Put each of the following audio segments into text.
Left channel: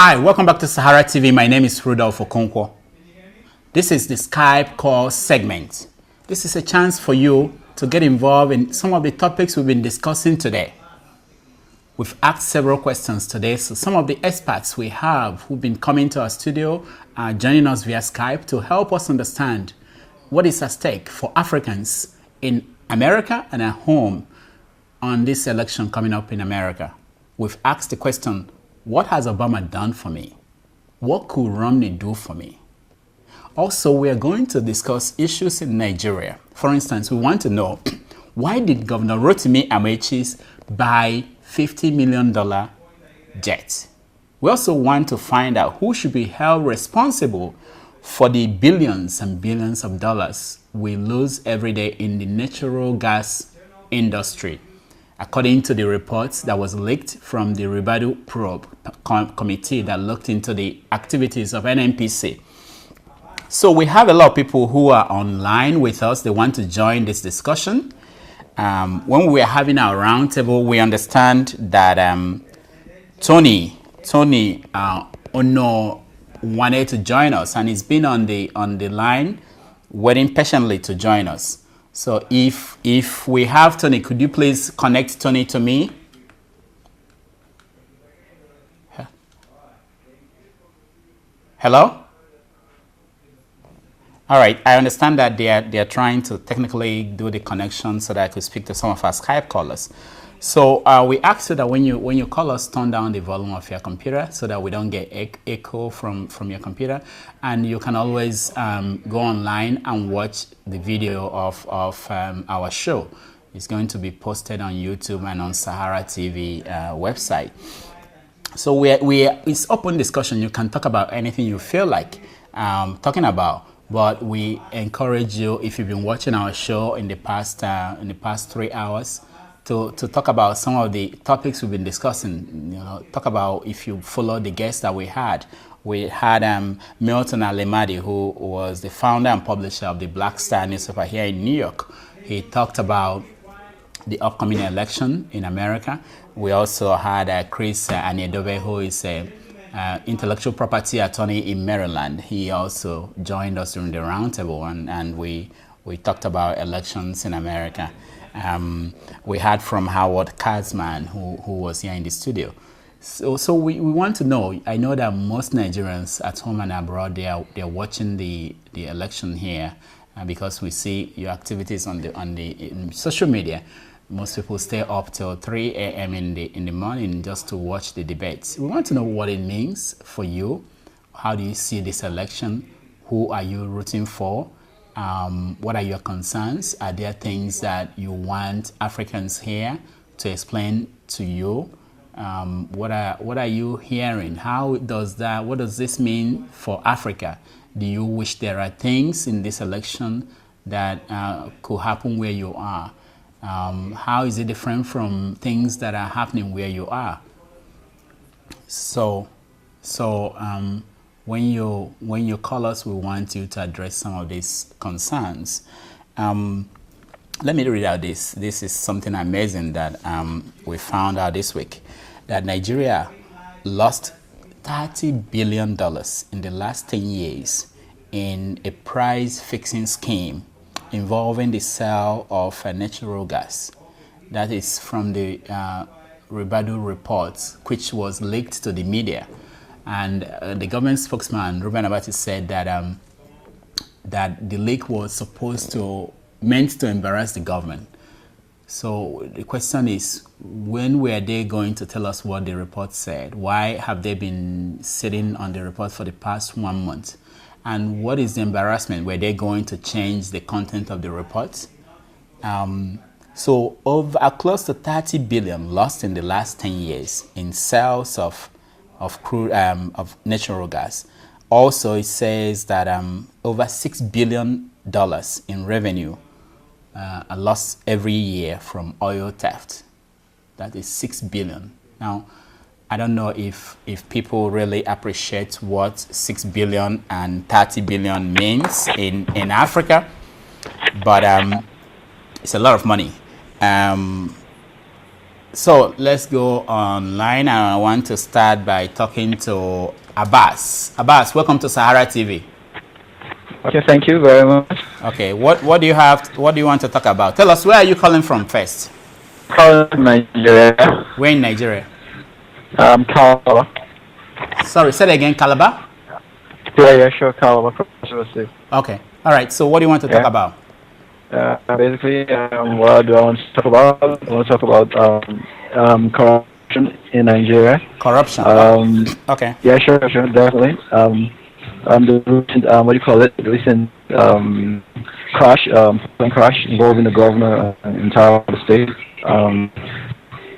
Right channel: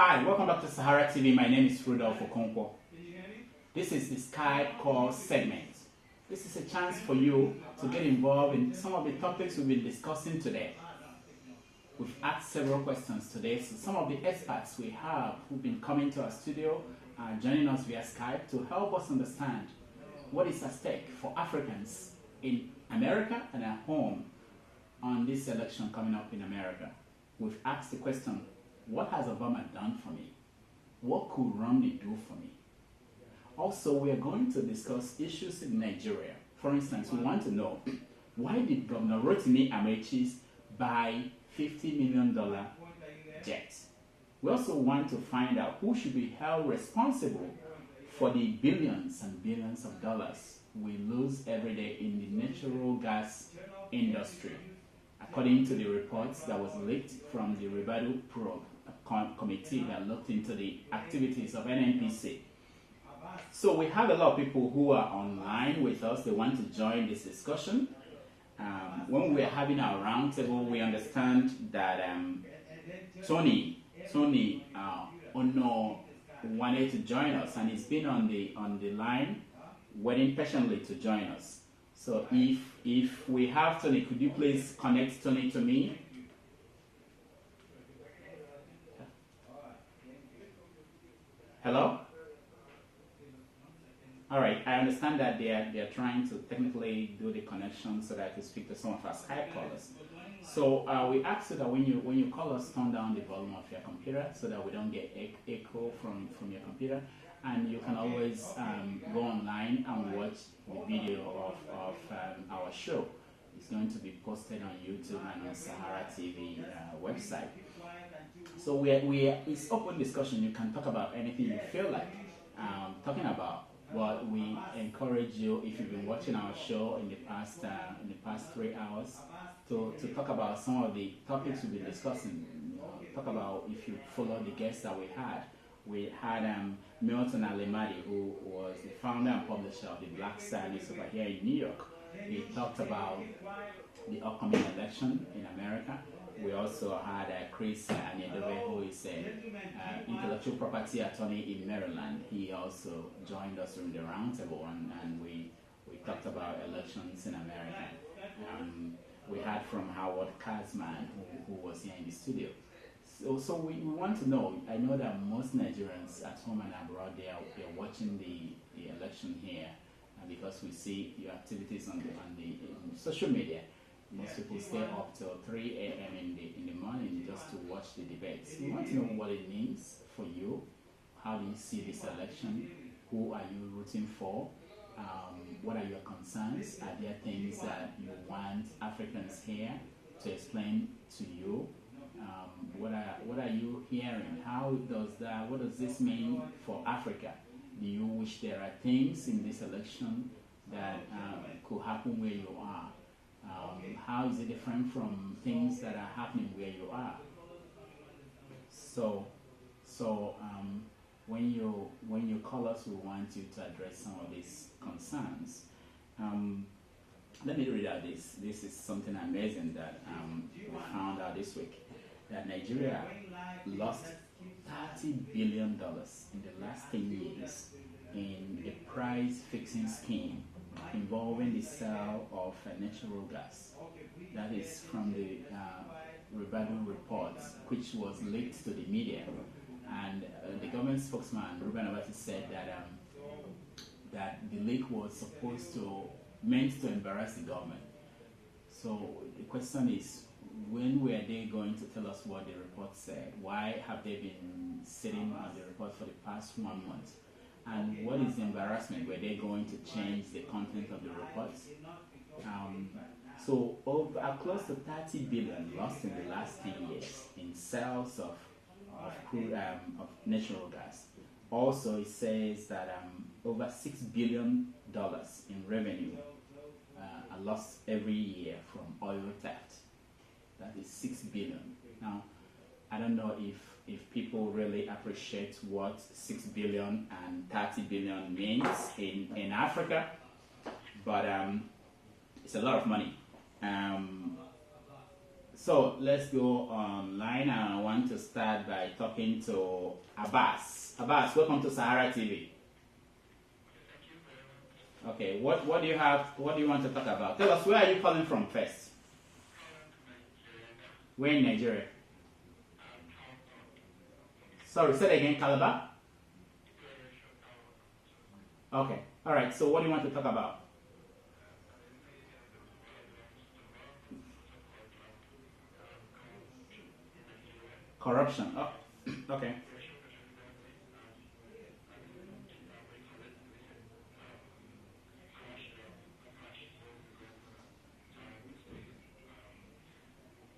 Hi, welcome back to SaharaTV. My name is Rudolph Okonkwo. This is the Skype call segment. This is a chance for you to get involved in some of the topics we've been discussing today. We've asked several questions today, so some of the experts we have who've been coming to our studio are joining us via Skype to help us understand what is at stake for Africans in America and at home on this election coming up in America. We've asked the question, what has Obama done for me? What could Romney do for me? Also, we are going to discuss issues in Nigeria. For instance, we want to know, why did Governor Rotimi Amaechi buy $50 million jet? We also want to find out who should be held responsible for the billions and billions of dollars we lose every day in the natural gas industry, according to the reports that was leaked from the Ribadu Probe Committee that looked into the activities of NNPC. So we have a lot of people who are online with us. They want to join this discussion. When we are having our roundtable, we understand that Tony Ono wanted to join us, and he's been on the line waiting patiently to join us. So if we have Tony, could you please connect Tony to me? Hello? All right, I understand that they are trying to technically do the connection so that I could speak to some of our Skype callers. So we ask you that when you call us, turn down the volume of your computer so that we don't get echo from your computer. And you can always go online and watch the video of our show. It's going to be posted on YouTube and on SaharaTV website. So it's open discussion. You can talk about anything you feel like talking about. But we encourage you, if you've been watching our show in the past 3 hours, to talk about some of the topics we've been discussing. You know, talk about, if you follow the guests that we had. We had Milton Alemadi, who was the founder and publisher of the Black Star newspaper here in New York. He talked about the upcoming election in America. We also had Chris Aniedobe, who is a intellectual property attorney in Maryland. He also joined us during the roundtable, and we talked about elections in America. We had from Howard Kazman, who was here in the studio. So we want to know, I know that most Nigerians at home and abroad, they're watching the election here because we see your activities in social media. Most people stay up till 3 a.m. in the morning just to watch the debates. We want to know what it means for you. How do you see this election? Who are you rooting for? What are your concerns? Are there things that you want Africans here to explain to you? What are you hearing? What does this mean for Africa? Do you wish there are things in this election that could happen where you are? How is it different from things that are happening where you are? So when you call us, we want you to address some of these concerns. Let me read out this. This is something amazing that we found out this week, that Nigeria lost $30 billion in the last 10 years in a price-fixing scheme involving the sale of natural gas. That is from the Ribadu reports, which was leaked to the media. And the government spokesman, Ruben Abati, said that that the leak was meant to embarrass the government. So the question is, when were they going to tell us what the report said? Why have they been sitting on the report for the past 1 month? And what is the embarrassment? Were they going to change the content of the report? So close to 30 billion lost in the last 10 years in sales of crude of natural gas. Also, it says that over $6 billion in revenue are lost every year from oil theft. That is $6 billion. Now, I don't know if people really appreciate what 6 billion and 30 billion means in Africa, but it's a lot of money. So let's go online. I want to start by talking to Abbas. Abbas, welcome to Sahara TV. Okay, thank you very much. Okay, what do you have? What do you want to talk about? Tell us, where are you calling from first? Calling from Nigeria. Where in Nigeria? Calabar. Sorry, say that again, Calabar? Yeah, sure, Calabar. Okay, all right. So what do you want to talk about? Basically, what do I want to talk about? I want to talk about corruption in Nigeria. Corruption. Okay. Yeah, sure, definitely. The recent, what do you call it? The recent plane crash involving the governor and entire state.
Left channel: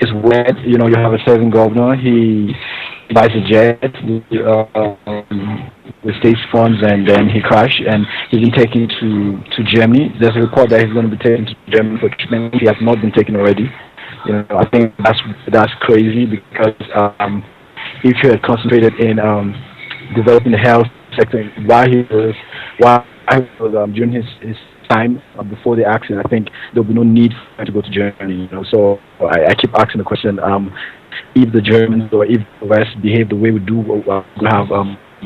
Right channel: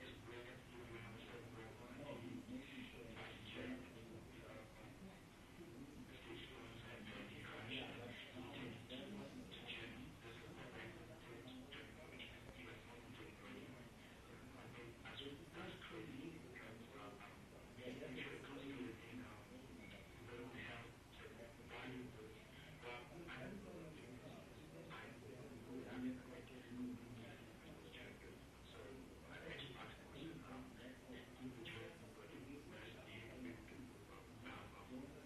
It's weird, you know. You have a serving governor. He buys a jet with state funds, and then he crashed, and he's been taken to Germany. There's a report that he's going to be taken to Germany for treatment. He has not been taken already. You know, I think that's crazy, because if he had concentrated in developing the health sector while he was during his time before the accident, I think there'll be no need for him to go to Germany. You know, so I keep asking the question: if the Germans or if the West behave the way we do, we have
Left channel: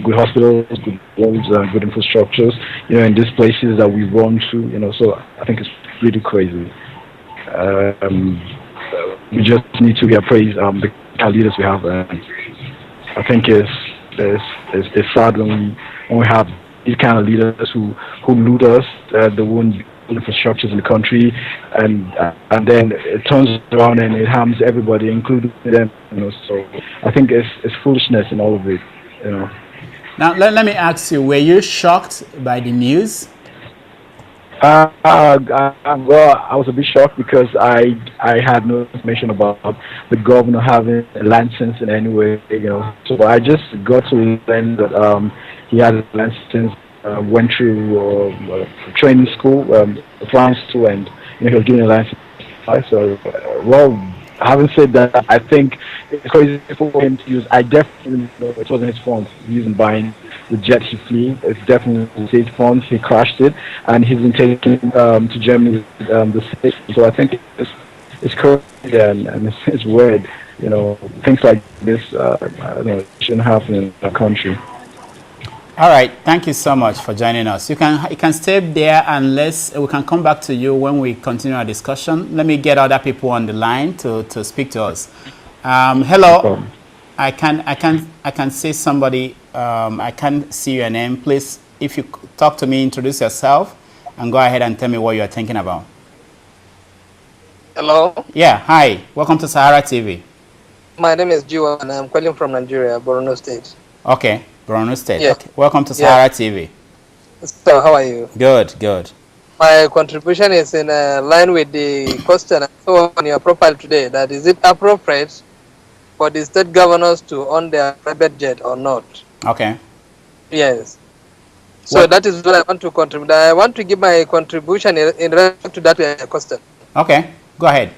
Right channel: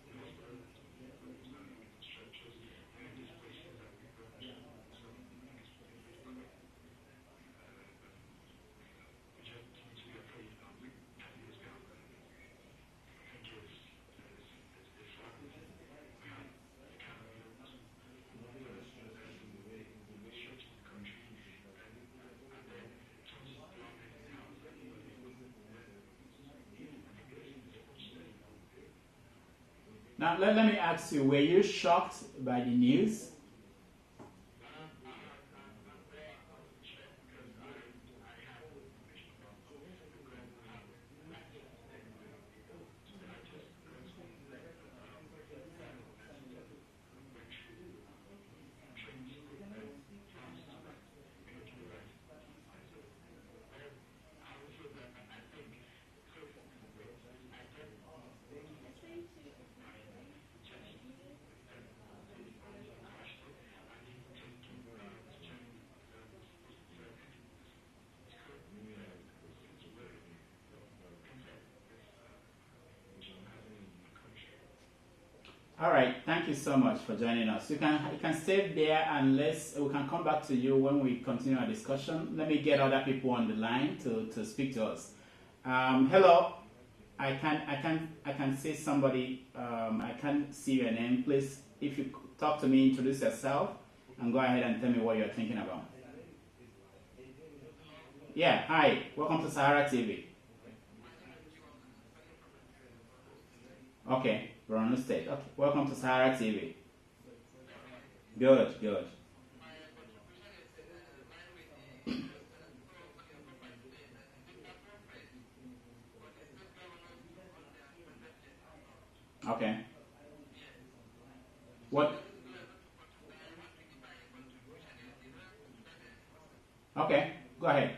good hospitals, good roads, good infrastructures, you know, in these places that we run to, you know. So I think it's really crazy. We just need to appraise the kind of leaders we have. I think it's sad when we have these kind of leaders who loot us, the own infrastructures in the country, and then it turns around and it harms everybody, including them. You know, so I think it's foolishness in all of it. You know. Now let me ask you: were you shocked by the news? Well, I was a bit shocked, because I had no information about the governor having a license in any way, you know. So I just got to learn that he had a license, went through training school, flying school, and you know, he was given a license. So, well, having said that, I think it's crazy for him to use. I definitely know it wasn't his fault using buying the jet he flew. It's definitely state funds. He crashed it, and he's been taken to Germany with the state. So I think it's crazy and it's weird. You know, things like this, I don't know, shouldn't happen in our country. All right, thank you so much for joining us. You can stay there, and we can come back to you when we continue our discussion. Let me get other people on the line to speak to us. Hello, I can see somebody. I can't see your name. Please, if you talk to me, introduce yourself, and go ahead and tell me what you are thinking about. Hello. Yeah. Hi. Welcome to Sahara TV. My name is Jiwa, and I'm calling from Nigeria, Borno State. Okay. Borno State. Yeah. Okay. Welcome to Sahara TV. So, how are you? Good, good. My contribution is in line with the question I saw on your profile today. That is it appropriate for the state governors to own their private jet or not? Okay. Yes. So that is what I want to contribute. I want to give my contribution in relation to that question. Okay. Go ahead.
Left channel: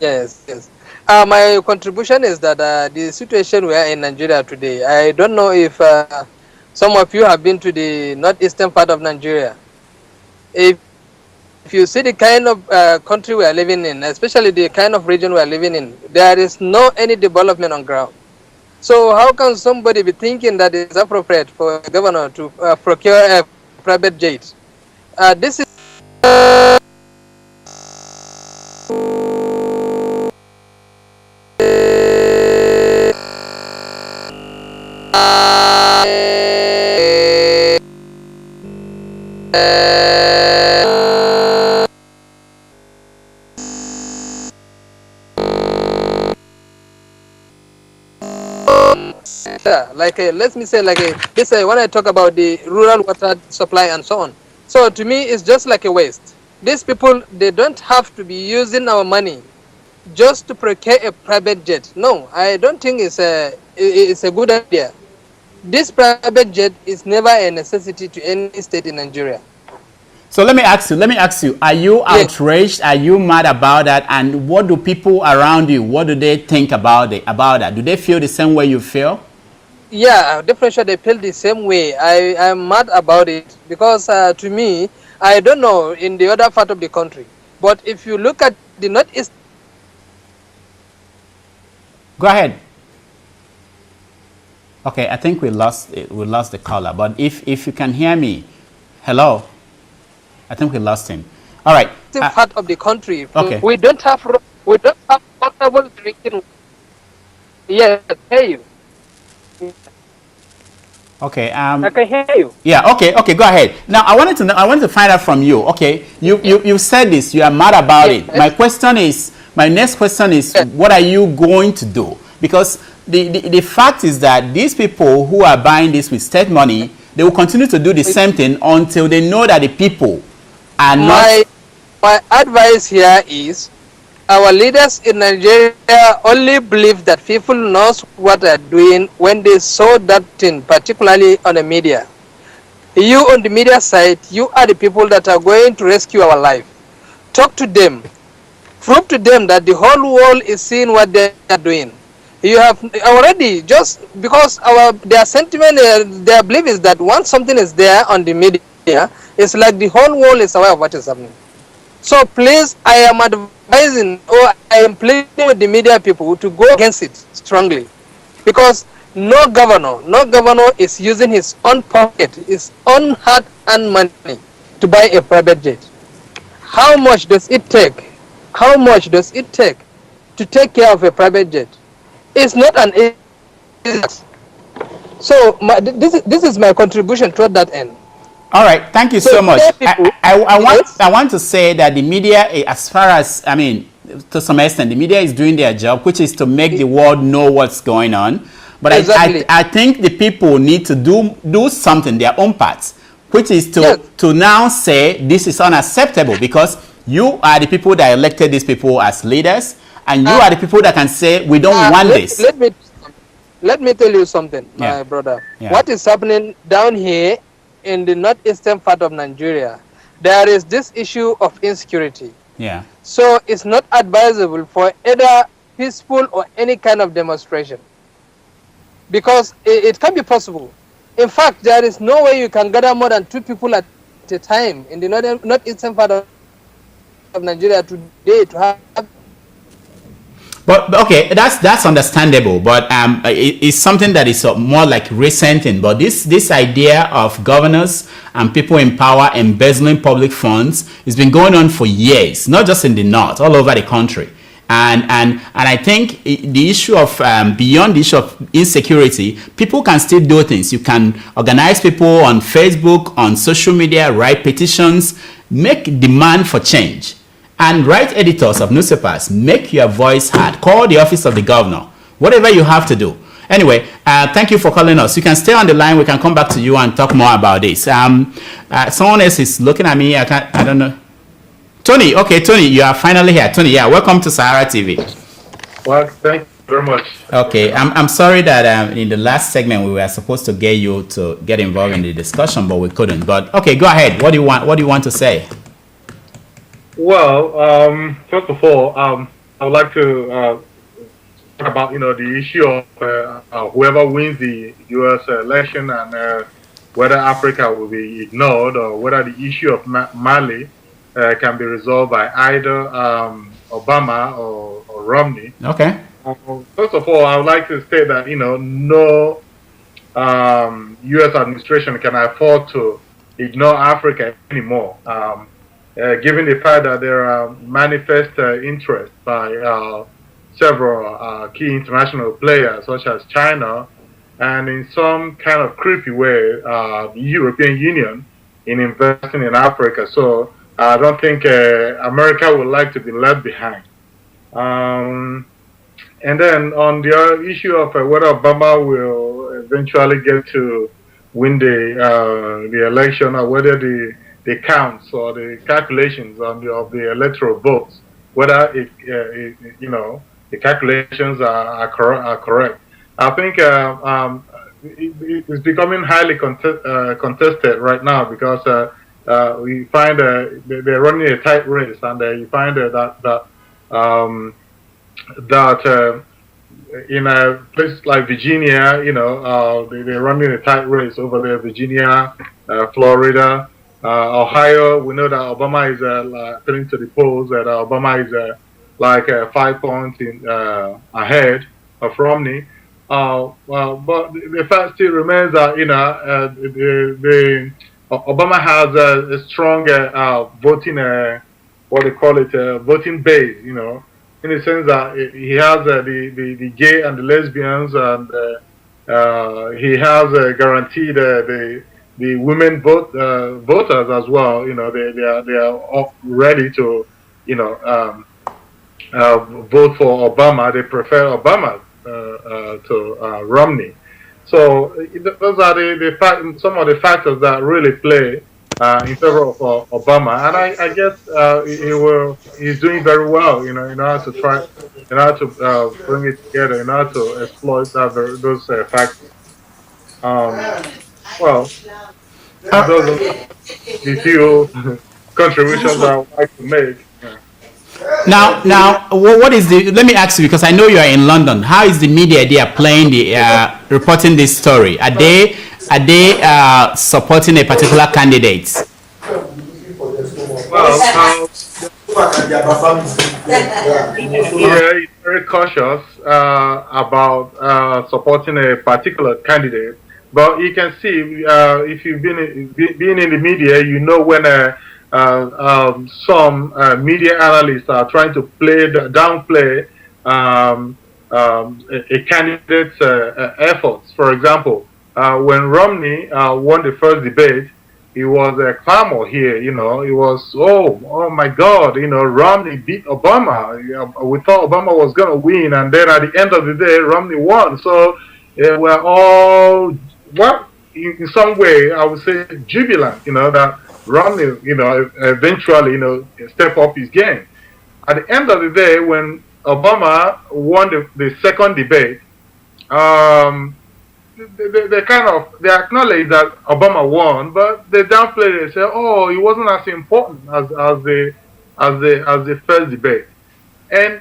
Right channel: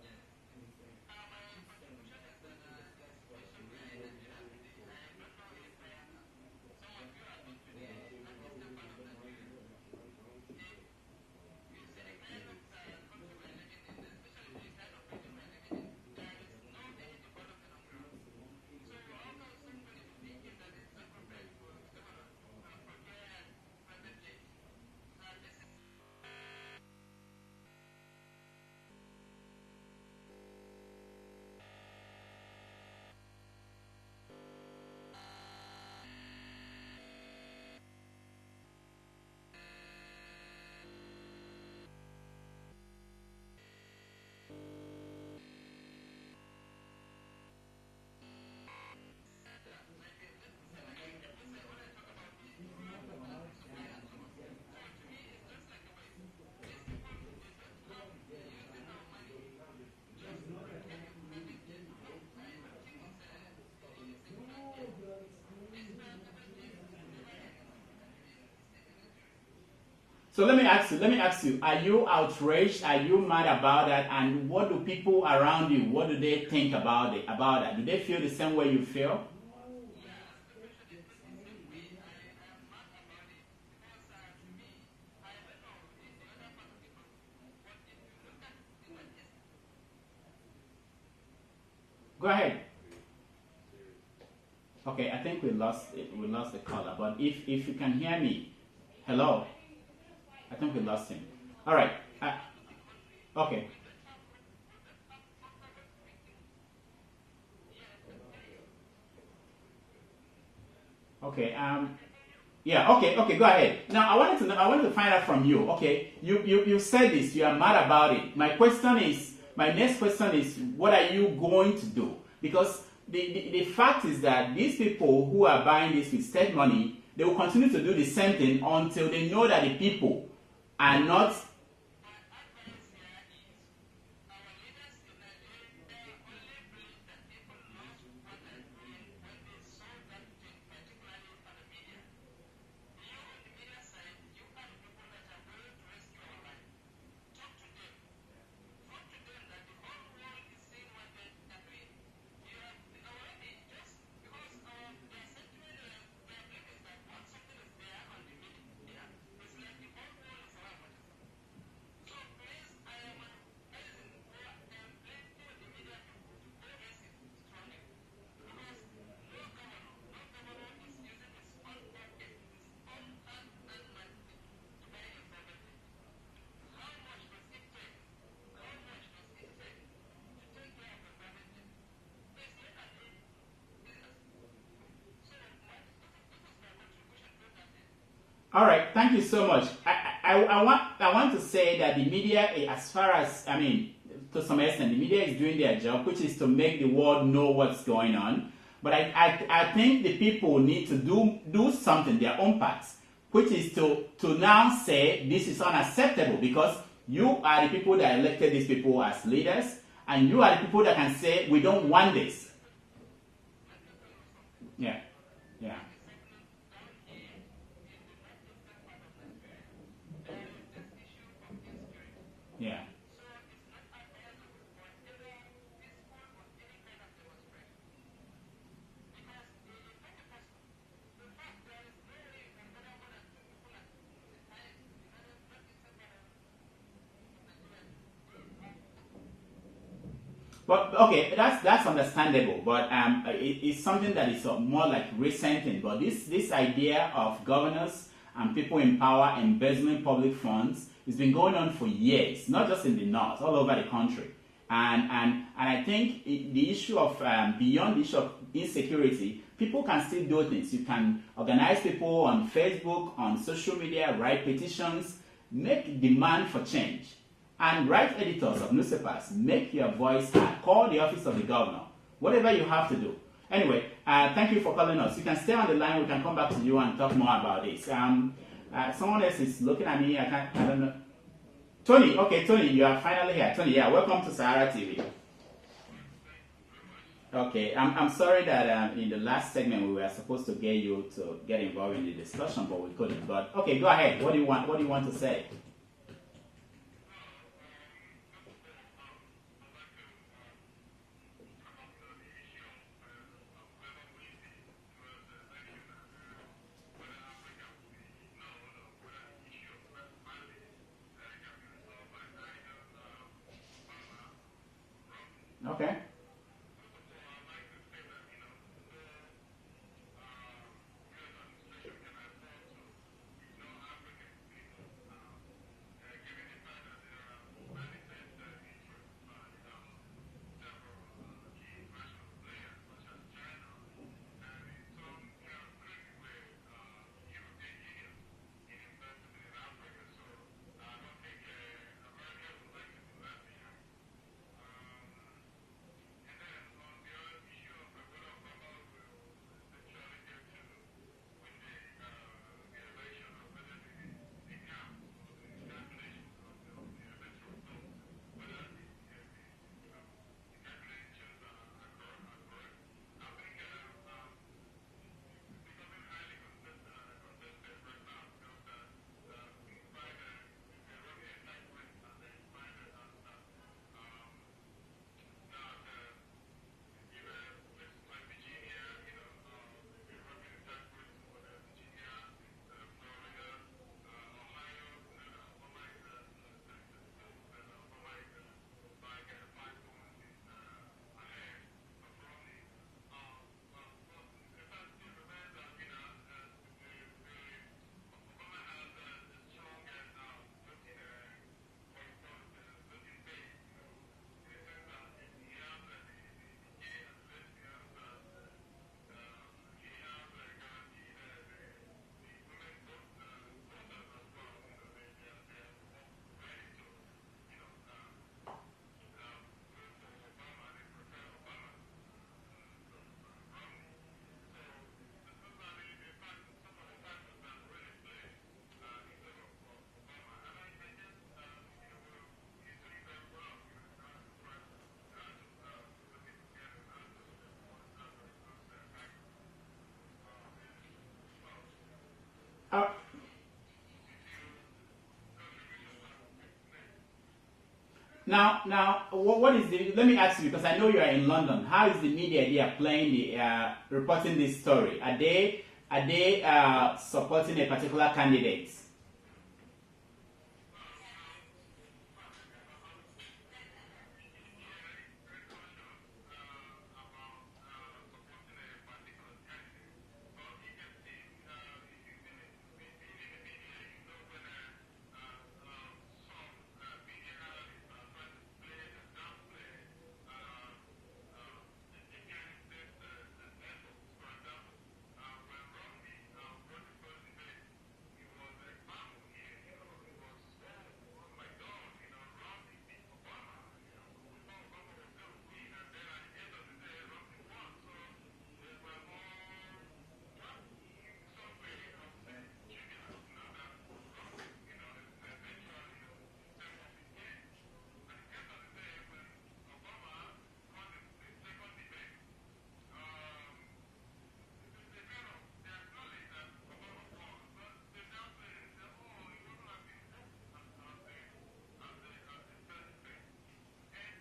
Yes, yes. My contribution is that the situation we are in Nigeria today, I don't know if some of you have been to the northeastern part of Nigeria. If you see the kind of country we are living in, especially the kind of region we are living in, there is no any development on ground. So how can somebody be thinking that it's appropriate for a governor to procure a private jet? This is let me say this when I talk about the rural water supply and so on. So to me, it's just like a waste. These people, they don't have to be using our money just to procure a private jet. No, I don't think it's a good idea. This private jet is never a necessity to any state in Nigeria. So let me ask you, are you outraged? Are you mad about that? And what do people around you, what do they think about that? Do they feel the same way you feel? Yeah, definitely they feel the same way. I'm mad about it because to me, I don't know in the other part of the country, but if you look at the northeast Go ahead. Okay, I think we lost the caller. But if you can hear me, hello. I think we lost him. All right. Part of the country. Okay. We don't have portable drinking. Yes, I hear you. Okay. I can hear you. Yeah. Okay. Okay. Go ahead. Now, I wanted to find out from you. Okay. You said this. You are mad about it. My next question is, what are you going to do? Because the fact is that these people who are buying this with state money, they will continue to do the same thing until they know that the people are not. My advice here is, our leaders in Nigeria only believe that people knows what they're doing when they saw that thing, particularly on the media. You on the media side, you are the people that are going to rescue our life. Talk to them. Prove to them that the whole world is seeing what they are doing. You have already, just because their sentiment, their belief is that once something is there on the media, it's like the whole world is aware of what is happening. So please, I am advising, or I am pleading with the media people to go against it strongly, because no governor is using his own pocket, his own hard-earned money to buy a private jet. How much does it take? How much does it take to take care of a private jet? It's not an easy. So this is my contribution toward that end. All right, thank you so much. I want to say that the media, as far as, I mean, to some extent, the media is doing their job, which is to make the world know what's going on. But exactly. I think the people need to do something, their own parts, which is to now say this is unacceptable, because you are the people that elected these people as leaders, and you are the people that can say we don't want this. Let me tell you something, my brother. Yeah. What is happening down here in the northeastern part of Nigeria, there is this issue of insecurity. Yeah. So it's not advisable for either peaceful or any kind of demonstration, because it can be possible. In fact, there is no way you can gather more than 2 people at a time in the northeastern part of Nigeria today to have. But okay, that's understandable. But it's something that is more like recent thing. But this idea of governors and people in power embezzling public funds has been going on for years, not just in the north, all over the country. And I think the issue of beyond the issue of insecurity, people can still do things. You can organize people on Facebook, on social media, write petitions, make demand for change. And write editors of newspapers, make your voice heard. Call the office of the governor, whatever you have to do. Anyway, thank you for calling us. You can stay on the line. We can come back to you and talk more about this. Someone else is looking at me. I don't know. Tony, okay, Tony, you are finally here. Tony, yeah, welcome to Sahara TV. Well, thank you very much. Okay, I'm sorry that in the last segment we were supposed to get you to get involved in the discussion, but we couldn't. But okay, go ahead. What do you want to say? Well, first of all, I would like to talk about the issue of whoever wins the U.S. election and whether Africa will be ignored, or whether the issue of Mali can be resolved by either Obama or Romney. Okay. First of all, I would like to say that no U.S. administration can afford to ignore Africa anymore. Given the fact that there are manifest interest by several key international players, such as China, and in some kind of creepy way, the European Union, in investing in Africa. So I don't think America would like to be left behind. And then on the other issue of whether Obama will eventually get to win the election, or whether the counts or the calculations of the electoral votes, whether the calculations are correct. I think it's becoming highly contested right now, because we find they're running a tight race, and you find that in a place like Virginia, they're running a tight race over there. Virginia, Florida. Ohio, we know that Obama is according to the polls, that Obama is 5 points ahead. Romney. But the fact still remains that Obama has a strong voting what they call it voting base. In the sense that he has the gay and the lesbians, and he has guaranteed the women voters as well. They are all ready to vote for Obama. They prefer Obama to Romney. So those are some of the factors that really play in favor of Obama, and I guess he's doing very well. In order to bring it together, in order to exploit those factors. Well, those are the few contributions I would like to make. Now, what is the? Let me ask you, because I know you are in London. How is the media there playing reporting this story? Are they supporting a particular candidate? Well, he's very cautious about supporting a particular candidate. But you can see, if you've been in the media, when some media analysts are trying to downplay a candidate's efforts. For example, when Romney won the first debate, it was a clamor here. It was, oh my God, Romney beat Obama. We thought Obama was going to win, and then at the end of the day, Romney won. So we're all, in some way, I would say, jubilant. That Romney, eventually, step up his game. At the end of the day, when Obama won the second debate, they acknowledge that Obama won, but they downplay it and say, "Oh, it wasn't as important as the first debate." And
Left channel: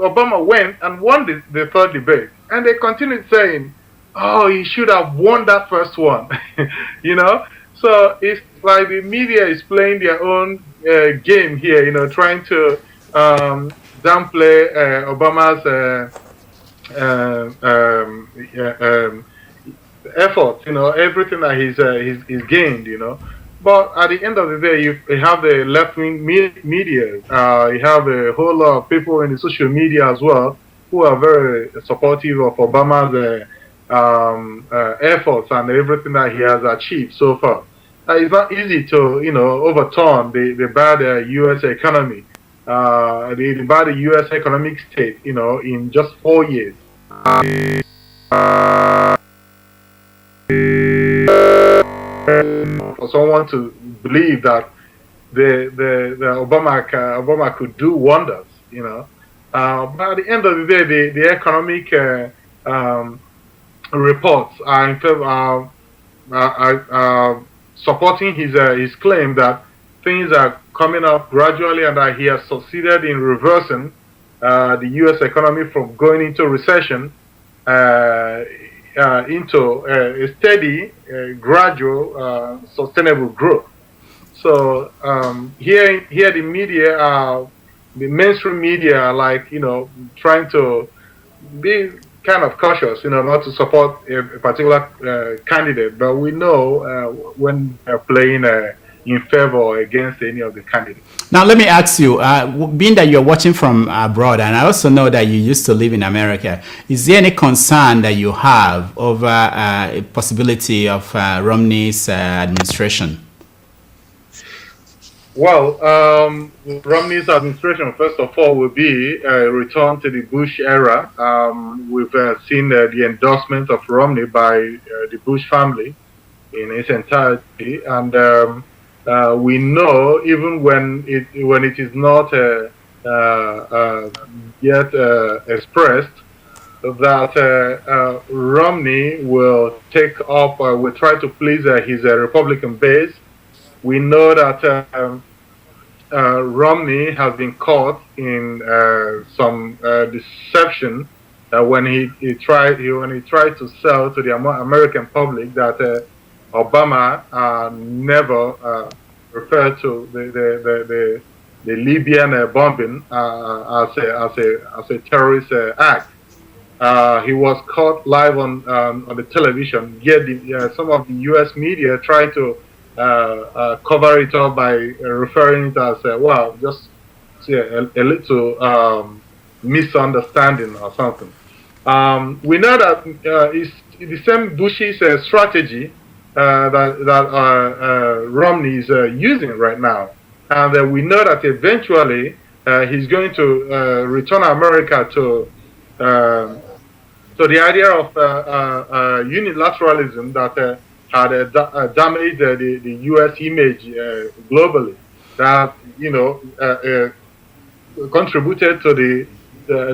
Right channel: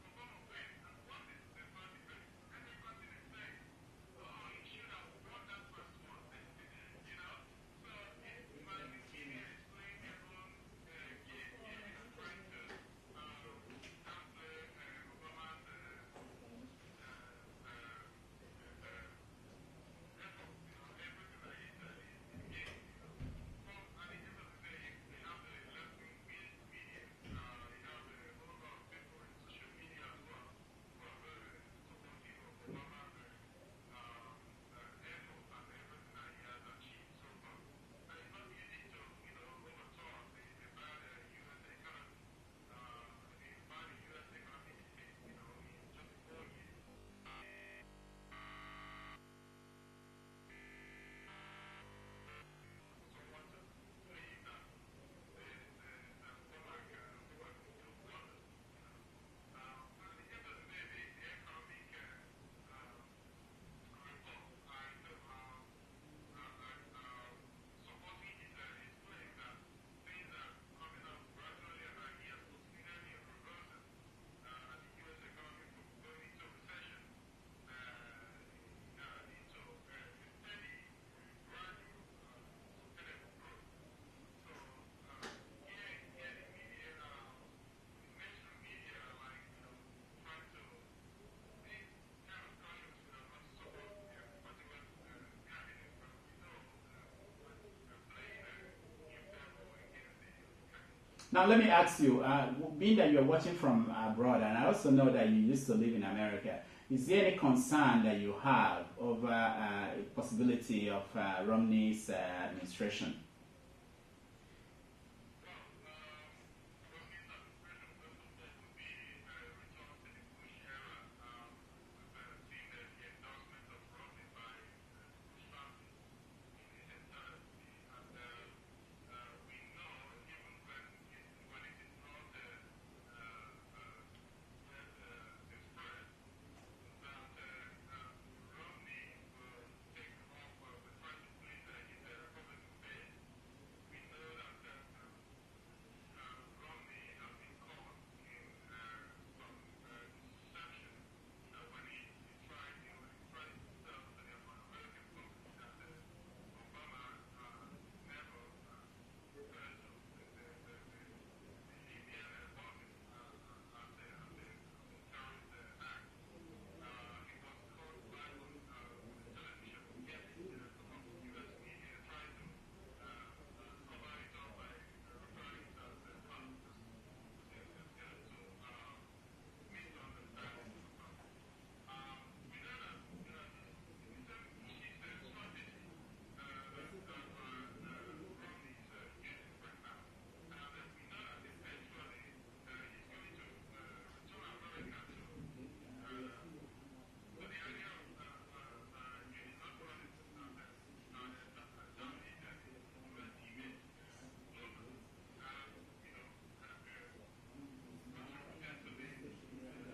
Obama went and won the third debate, and they continued saying, "Oh, he should have won that first one," So it's like the media is playing their own game here, trying to downplay Obama's efforts, everything that he's gained, But at the end of the day, you have the left-wing media. You have a whole lot of people in the social media as well who are very supportive of Obama's efforts and everything that he has achieved so far. It's not easy to, overturn the bad U.S. economy, the bad U.S. economic state, in just 4 years. For someone to believe that the Obama could do wonders, but at the end of the day, the economic reports are in favor, supporting his claim that things are coming up gradually and that he has succeeded in reversing the U.S. economy from going into recession into a steady, gradual, sustainable growth. So here the media, the mainstream media, are trying to be kind of cautious, not to support a particular candidate. But we know when they're playing in favor or against any of the candidates. Now, let me ask you, being that you're watching from abroad, and I also know that you used to live in America, is there any concern that you have over a possibility of Romney's administration? Well, Romney's administration, first of all, will be a return to the Bush era. We've seen the endorsement of Romney by the Bush family in its entirety, and we know, even when it is not yet expressed, that Romney will take up, will try to please his Republican base. We know that Romney has been caught in some deception when he tried to sell to the American public that Obama never referred to the Libyan bombing as a terrorist act. he was caught live on the television. Yet some of the U.S. media tried to cover it up by referring it as well, just a little misunderstanding or something. We know that it's the same Bush's strategy that Romney is using right now, and we know that eventually he's going to return America to the idea of unilateralism that had damaged the U.S. image globally. That contributed to the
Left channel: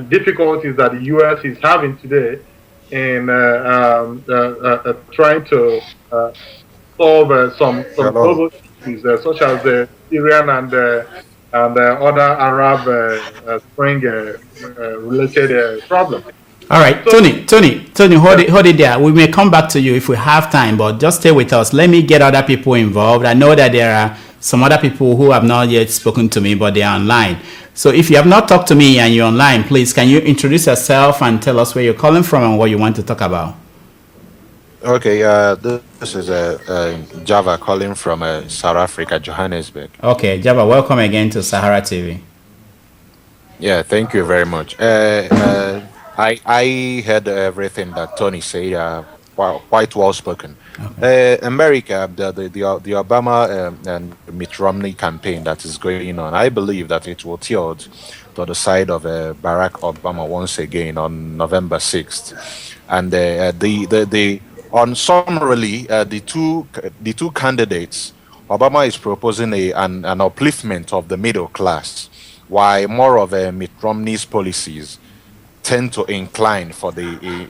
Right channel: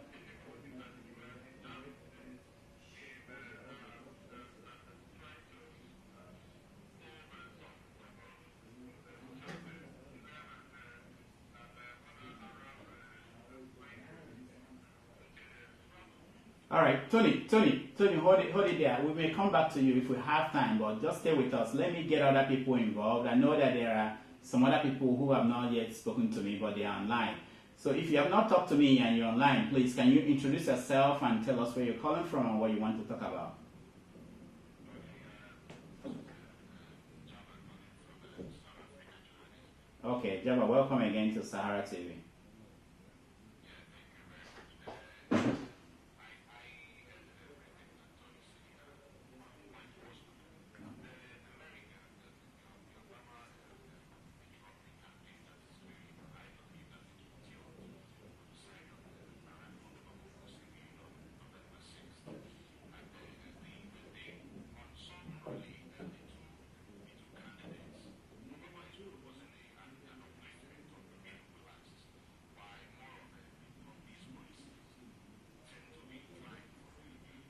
difficulties that the U.S. is having today in trying to solve some global issues such as the Syrian and other Arab Spring related problems. All right, so, Tony, hold it there. We may come back to you if we have time, but just stay with us. Let me get other people involved. I know that there are some other people who have not yet spoken to me, but they are online. So if you have not talked to me and you're online, please, can you introduce yourself and tell us where you're calling from and what you want to talk about? Okay, this is Java calling from South Africa, Johannesburg. Okay, Java, welcome again to Sahara TV. Yeah, thank you very much. I heard everything that Tony said, quite well spoken. Okay. America, the Obama and Mitt Romney campaign that is going on, I believe that it will tilt to the side of Barack Obama once again on November 6th. And on summarily, the two candidates, Obama is proposing an upliftment of the middle class, while more of Mitt Romney's policies tend to incline for the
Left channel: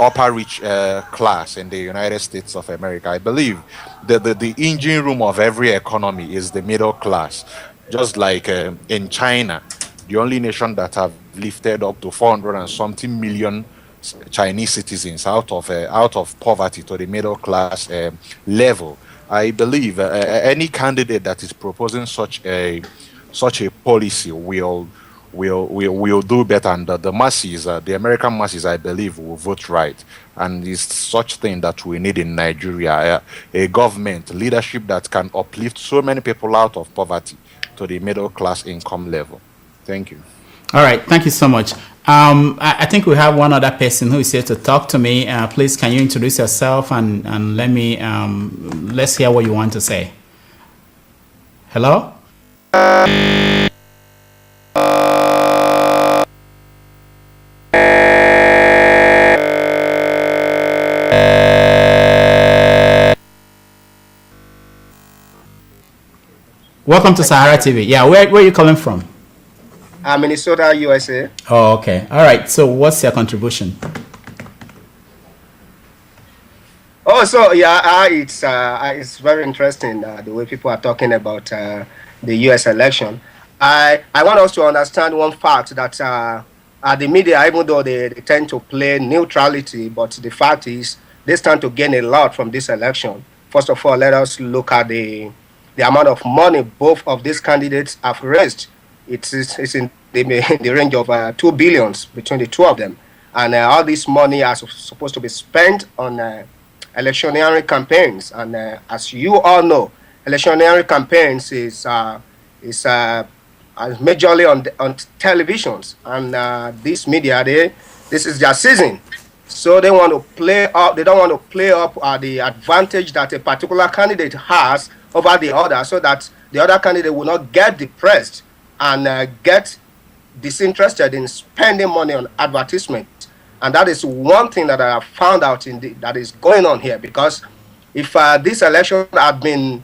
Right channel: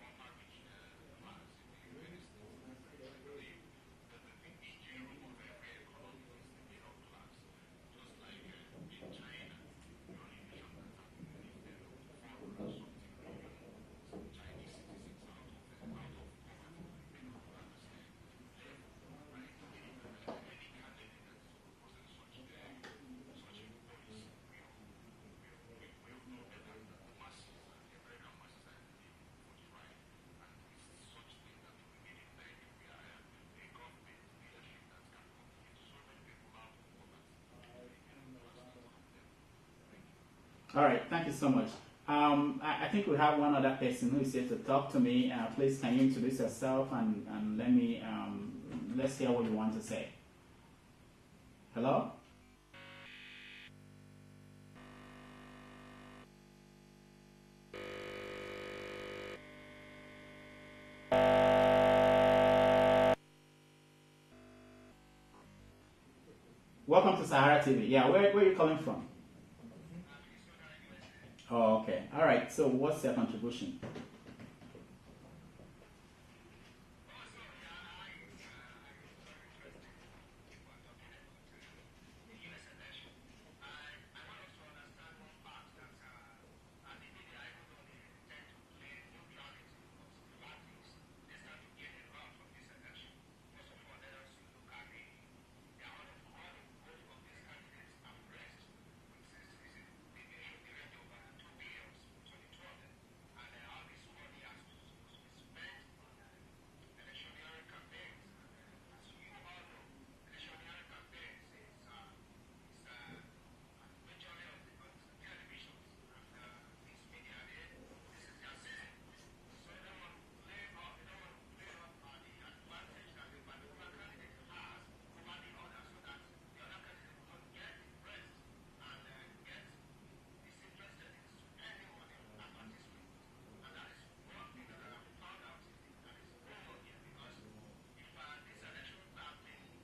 upper rich class in the United States of America. I believe the engine room of every economy is the middle class. Just like in China, the only nation that have lifted up to 400 and something million Chinese citizens out of poverty to the middle class level. I believe any candidate that is proposing such a policy will do better, and the masses, the American masses, I believe, will vote right. And it's such thing that we need in Nigeria, a government leadership that can uplift so many people out of poverty to the middle class income level. Thank you. All right, thank you so much. I think we have one other person who is here to talk to me. Please, can you introduce yourself and let's hear what you want to say. Hello? Welcome to Sahara TV. Yeah, where are you calling from? Minnesota, USA. Oh, okay. All right. So what's your contribution? Oh, so yeah, it's very interesting the way people are talking about the U.S. election. I want us to understand one fact that the media, even though they tend to play neutrality, but the fact is they stand to gain a lot from this election. First of all, let us look at the amount of money both of these candidates have raised. It's in the range of 2 billion between the two of them. And all this money is supposed to be spent on electioneering campaigns. And as you all know, electioneering campaigns is majorly on televisions. And this media, this is their season. So they want to play up. They don't want to play up the advantage that a particular candidate has over the other, so that the other candidate will not get depressed and get disinterested in spending money on advertisement. And that is one thing that I have found out that is going on here. Because if this election the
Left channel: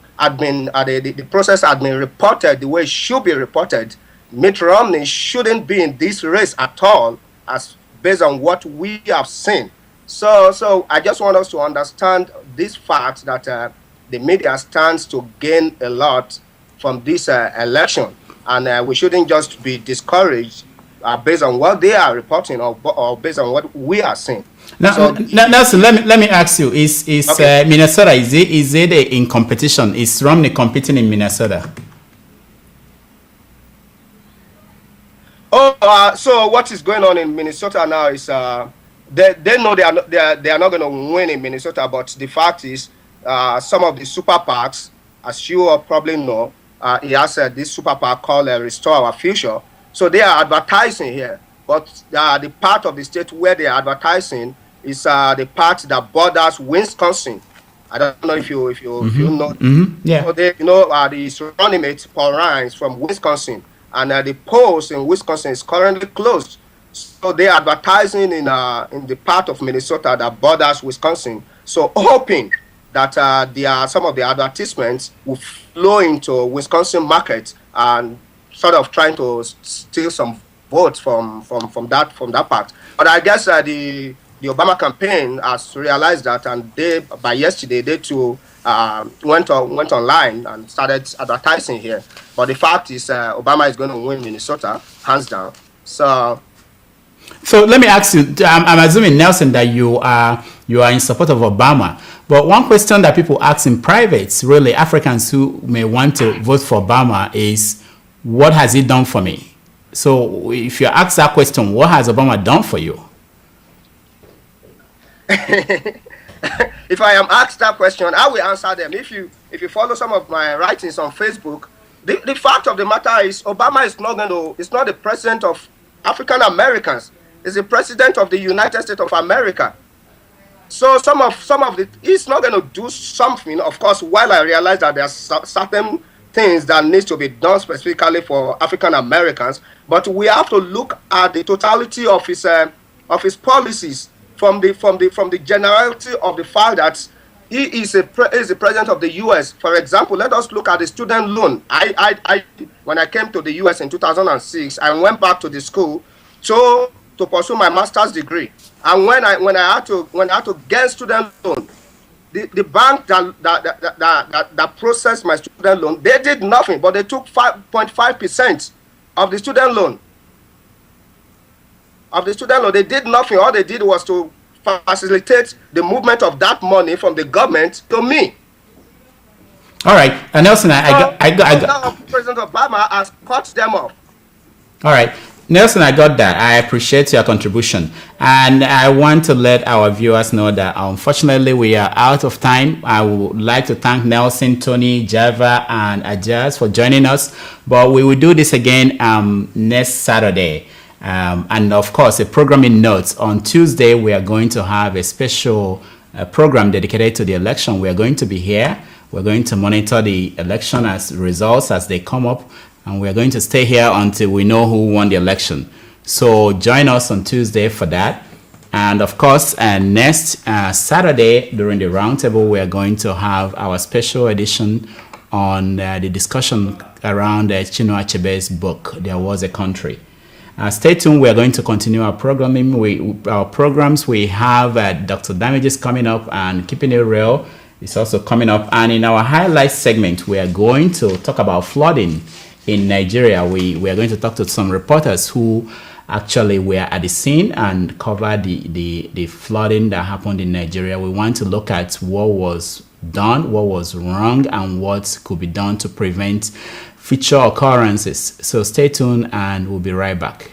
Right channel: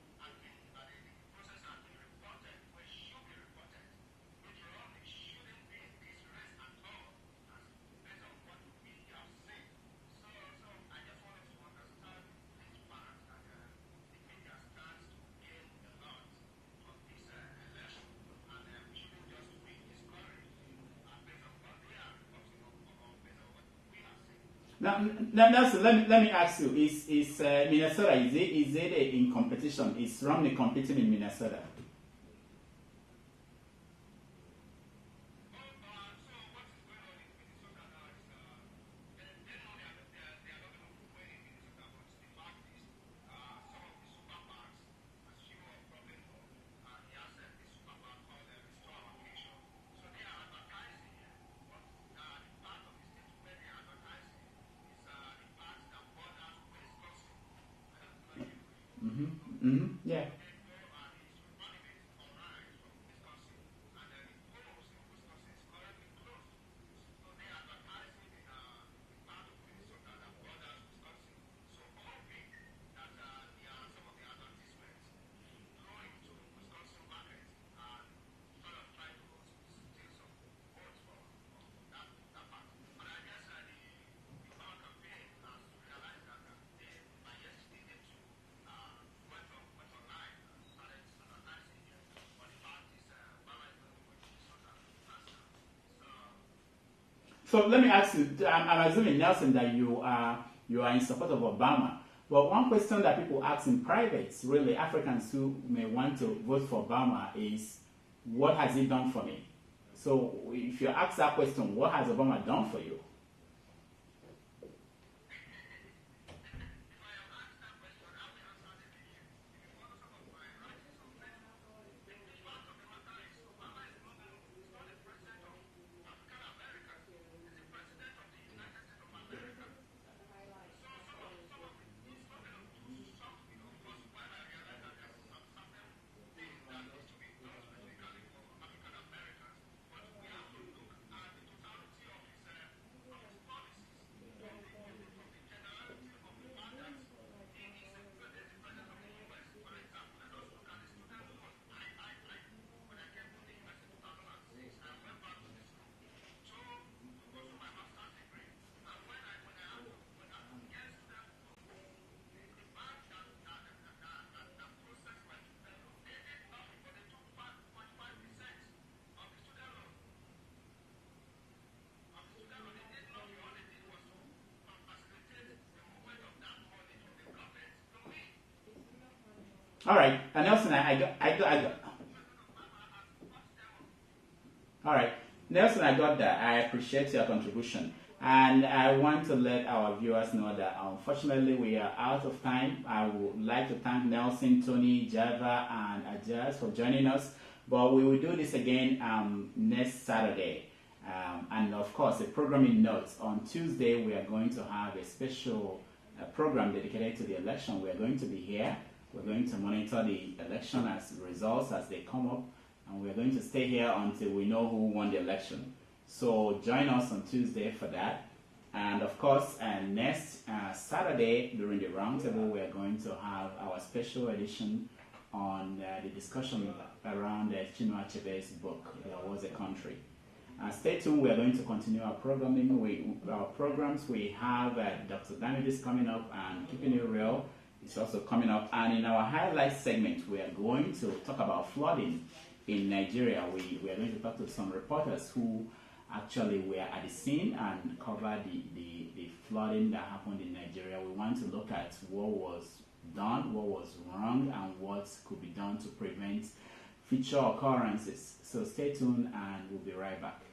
process had been reported the way it should be reported, Mitt Romney shouldn't be in this race at all, as based on what we have seen. So I just want us to understand this fact that the media stands to gain a lot from this election. And we shouldn't just be discouraged based on what they are reporting or based on what we are seeing. Now, Nelson, let me ask you: Is okay. Minnesota is it in competition? Is Romney competing in Minnesota? So what is going on in Minnesota now is they know they are not going to win in Minnesota. But the fact is, some of the super PACs, as you all probably know, he has this super PAC called Restore Our Future. So they are advertising here, but the part of the state where they are advertising is the part that borders Wisconsin. I don't know if you know. Yeah. So they, the running mate Paul Ryan from Wisconsin, and the polls in Wisconsin is currently closed. So they are advertising in the part of Minnesota that borders Wisconsin. So hoping that some of the advertisements will flow into Wisconsin market and sort of trying to steal some votes from that part. But I guess the Obama campaign has realized that, and by yesterday they too went online and started advertising here. But the fact is, Obama is going to win Minnesota hands down. So let me ask you. I'm assuming, Nelson, that you are in support of Obama. But one question that people ask in private, really Africans who may want to vote for Obama, is, what has he done for me? So if you ask that question, what has Obama done for you? If I am asked that question, I will answer them. If you follow some of my writings on Facebook, the fact of the matter is Obama is not the president of African Americans. He's the president of the United States of America. So some of he's not going to do something. Of course, while I realize that there are certain things that needs to be done specifically for African Americans, but we have to look at the totality of his policies. From the generality of the fact that he is the president of the U.S. For example, let us look at the student loan. When I came to the U.S. in 2006, I went back to the school to pursue my master's degree. And when I had to get student loan, the bank that processed my student loan, they did nothing, but they took 5.5% of the student loan. They did nothing. All they did was to facilitate the movement of that money from the government to me. All right, and Nelson, I got President Obama has cut them off. All right, Nelson, I got that. I appreciate your contribution, and I want to let our viewers know that unfortunately we are out of time. I would like to thank Nelson, Tony, Java, and Ajaz for joining us, but we will do this again next Saturday. And of course, a programming note, on Tuesday, we are going to have a special program dedicated to the election. We are going to be here. We're going to monitor the election results as they come up. And we're going to stay here until we know who won the election. So join us on Tuesday for that. And of course, next Saturday during the roundtable, we are going to have our special edition on the discussion around Chinua Achebe's book, There Was a Country. Stay tuned. We are going to continue our programming. Our programs. We have Dr. Damages coming up, and Keeping It Real is also coming up. And in our highlight segment, we are going to talk about flooding in Nigeria. We are going to talk to some reporters who actually were at the scene and covered the flooding that happened in Nigeria. We want to look at what was done, what was wrong, and what could be done to prevent future occurrences. So stay tuned and we'll be right back.